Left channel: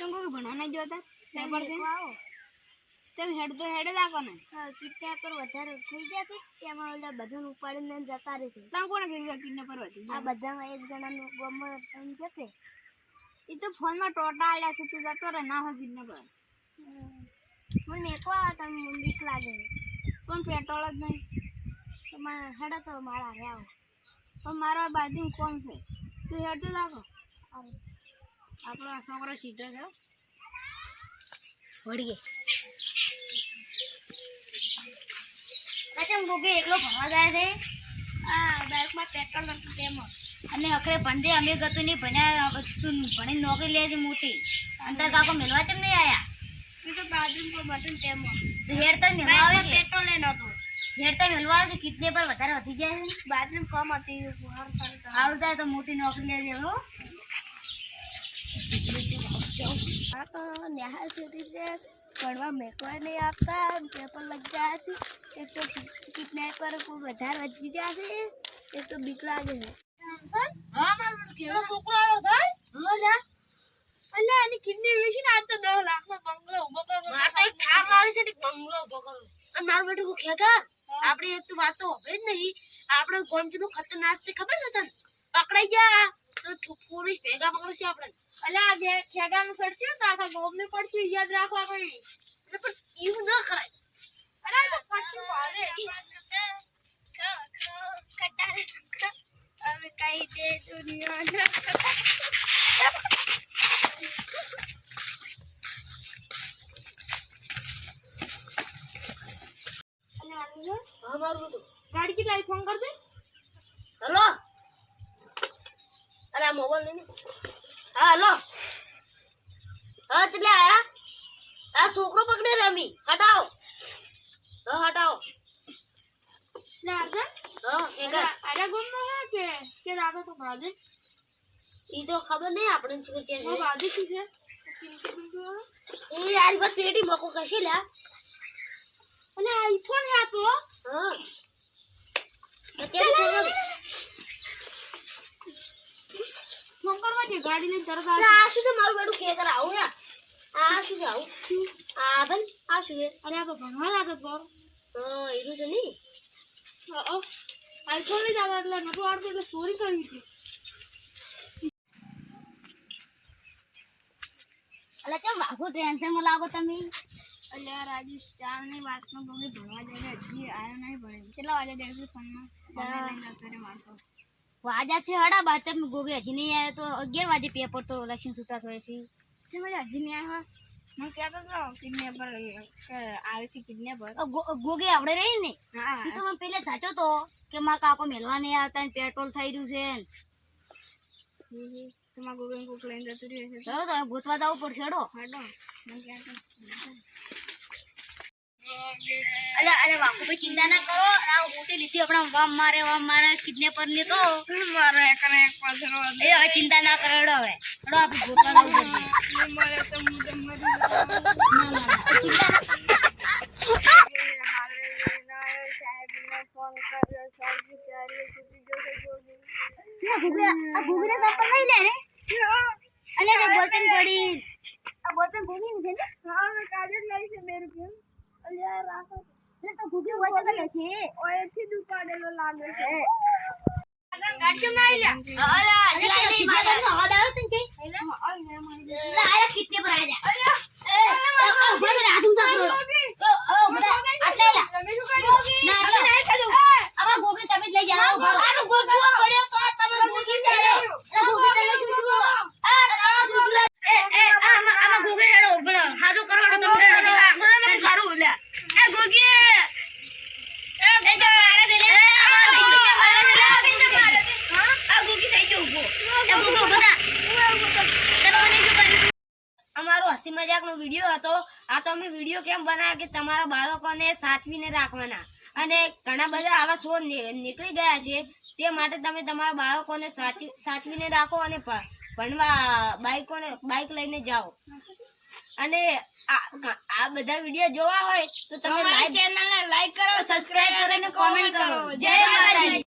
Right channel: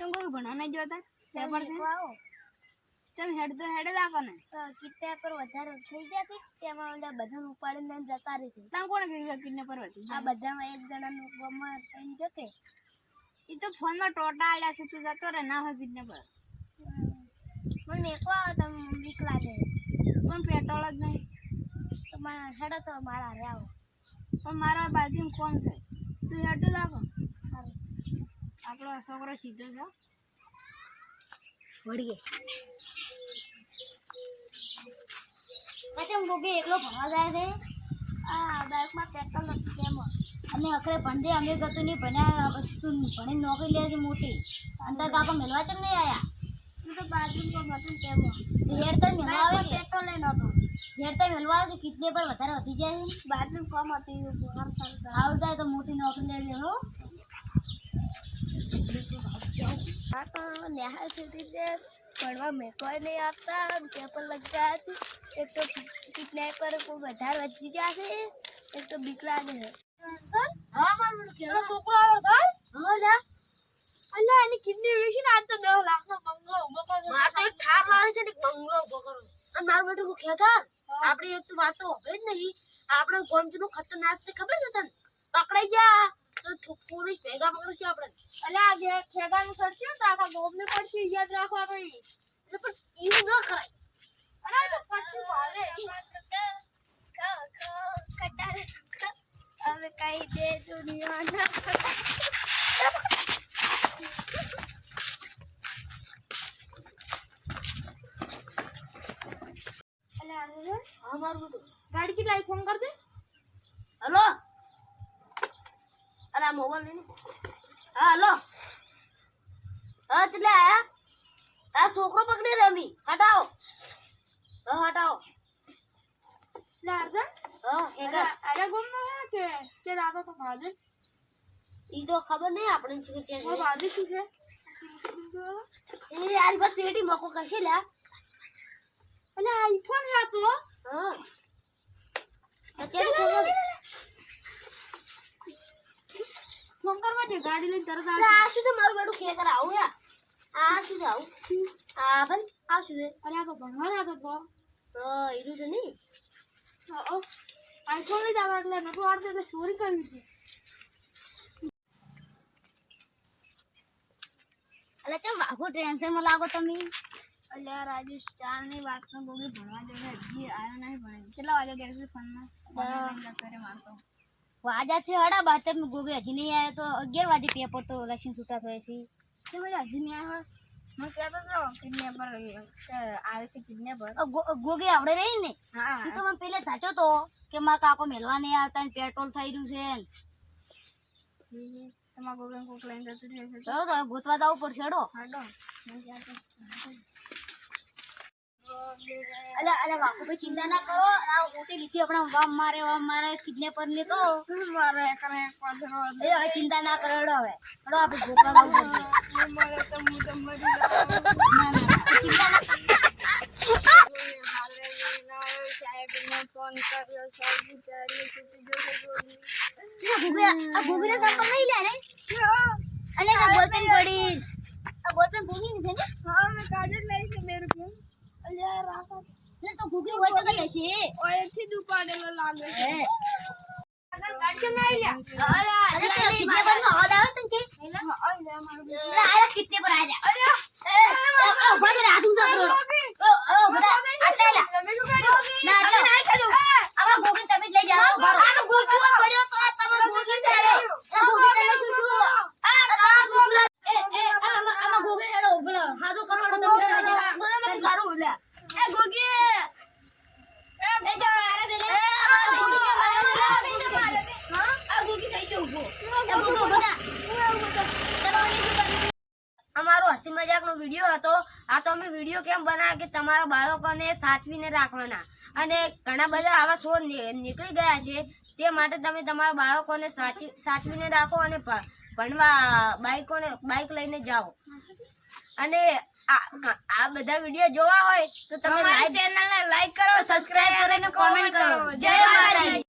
तुम को बनाना जोता पेपर से आओ तब हेड तो हेड दाको ने કિડનેપ પર વધારે થઈ ગયા છે તેમાં ઓલા બધાને ઉપાડીને જતા રહે છે તા કોણ કીધું કિડનેપ પર હતી આ બધામાં એક જણાનું ગમમાં થઈને જશે ઈ તો ફોન માં ટોટા આયા છે તું જતો રે ના હો કિડનેપ પર મને મેકો આવે તમે બીક લાગે પણ પેટ્રોલ જ નહીં તો મારા હેડો તો મારા રે આવો પણ મારા બાજુ કોણ છે તું હેડ તો દાકો સારું આપણો છોકરો સીધો છે વળીએ કેમ ગોગે એકલો ભણવા જાય છે આ બાઇકમાં પેટ્રોલ નથી તેમાં અને અખરે ભંડે અમે ગતું નહીં ભણ્યા તું ભણી નોકરી લે છે મોટી અંતર કાકો મેળવા કેમ નહીં આયા એ તો બાથરૂમ પર બટન તેમાં હેડ તો મેળવા આવે છે પેટ્રોલ લે નતો હેડ તો મેળવા આવે છે કિડને પર વધારે વધી જાય છે બાથરૂમ કમ હતી આવ જાય તો મોટી નોકરી લેજે હો આ તો નેહા સિટી છે ભણવા મેકવા નહીં આપતા પેપર લગ જાય છે એક તો કિડનેપર કોઈ વધારે વધી જાય છે એક તો બીક લાગે છે હા મારું કેવો છોકરો આવ્યો ભાઈ હા લા અલ્યા એની કિડની વેચી ને આજ તો 10 લાખનો બંગલો ઉભો કરો માર તો એક ઠાર લાવે છે ને બંગલો ઉભો કરો અને મારું બેટું કો ખેગાર આપણે એક તો વાત તો હોભળે જ નહીં આપણે ગોમજીનું ખતરનાક છે ખબર છે તને પકડાઈ ગયા તો પોલીસ ભેગા પકડશે આપણે અલ્યા જે ખેગાનું સડશે તો આખા ગોમને પડશે યાદ રાખવા પડી એટલે પણ એવું ન કરાય અરે તો પાછું ભાવે હવે કઈ દે દુનિયા गाड़ी की लाइट फोन कर दे हेलो अरे मोबाइल नहीं हाँ हेलो हाँ चले आया आ छोकरो पकड़े रे अमी हटाओ हाँ हटाओ लागे हाँ हेगा अरे गुम है के दादा तो भागे ये तो खबर नहीं अपने चिकन चेंज वो भागे किसे ये यार बस पेटी मको कैसे ला अरे आईफोन है तो हाँ મંગળવારે ગાડી લઈને તરત આ શું છે મારું બેડું ખેતર આવું યાર આ શું છે આવું આ બન આ શું છે અરે આ ભણવા લાગતો તો હીરું છે ની આઈફોન લઈ જાવ એટલે નતો આવડતો એટલે ચોરી કરી હતી અલે કેમ વાઘો ટેન્શન માં લાગો તમે અલ્યા રાજસ્થાન ની વાત નો બોગી ભણવા જઈને હજી આયો નહીં ભણે કેટલા વાગે દેખી ફોન માં લઈને જતો રે મારતો વાજા છે હડા બાત તમે ગોગે હજી નહીં આવ્યો તો 11 વાગે પેપર તો લક્ષણ છૂટા થયો છે જે મને હજી નહીં આવ્યો હું કહેતો તો કિડનેપર આવે છે કિડનેપર ગોગે આવડે રહી ને હા ઈ તો મને પહેલે સાચો તો કે મારા કાકો મેલવા નહીં આવતા ને પેટ્રોલ થઈ રહ્યું છે તમારા ગોગન કોક લઈને જતું રહ્યું છે ચલો તો ગોતવા જવું પડશે હડો હાડો હું કહેતો અલે અલે બાપુ ભાઈ ચિંતા ના કરો આ મોટી લીધી આપણા વામ મારે કિડનેપર ને તો મારે એકને એક પાછળ એ હવે ચિંતા ના કરો હડો હવે હડો આપણે ગોતવા જવું પડશે મારે તો હું તો મરી ચિંતા ના હાલે ના આવ્યો સાહેબને ફોન કર્યો સાહેબ વિચારી છૂટી જશે ગોગી આ ગોગીને સંપલ લઈ લે ને અલે આ બોલપેન પડી આ બોલપેન ગોગી ની છે ને હા મેં કાજલ લઈ છે 2 રૂપિયા અલ્યા રાખો ને તો ગોગી હોય તો કઈ હશે ઓયથી દુપાડેલો લાગે છે ગાડી કેમ ના આઈલા અરે કિડનેપર નો અવાજ આવે તને છે હા લે મારું અરે આયા કિડનેપર આયા અરે ઉભા રહે આધું તો કરો ઉભા આટલે લા તમે શું કર્યો ના ના નહીં કરું આવા ગોગી તમે જ લઈ જાઓ ઉભા રહો આનો ગોગી પડ્યો તો તમે ગોગી ચાલે આ ગોગી તમે શું શું આમાં ગોગી હેડો બોલો હાજો કરો હેડો તમે મને કરું લે એ ગોગી એ તો મારે દે લે આ ગોગી મારે દે હા આ ગોગી થઈ ગયો ઉભો એ ગોગી ઉભા કરવાની શું કર્યું અમારો હસી મજાકનો વિડિયો હતો આ તો અમે વિડિયો કેમ બનાવ્યા કે તમારા બાળકોને સાચવીને રાખવાના અને ઘણા બધા આવા શો નીકળી ગયા છે તે માટે તમે તમારા બાળકોને સાચવીને રાખો અને ભણવા બાઈક લઈને જાઓ અને આ બધા વિડિયો જોવા હોય તો તમે ચેનલને લાઈક કરો સબસ્ક્રાઇબ કરો અને કોમેન્ટ કરો જય માતાજી।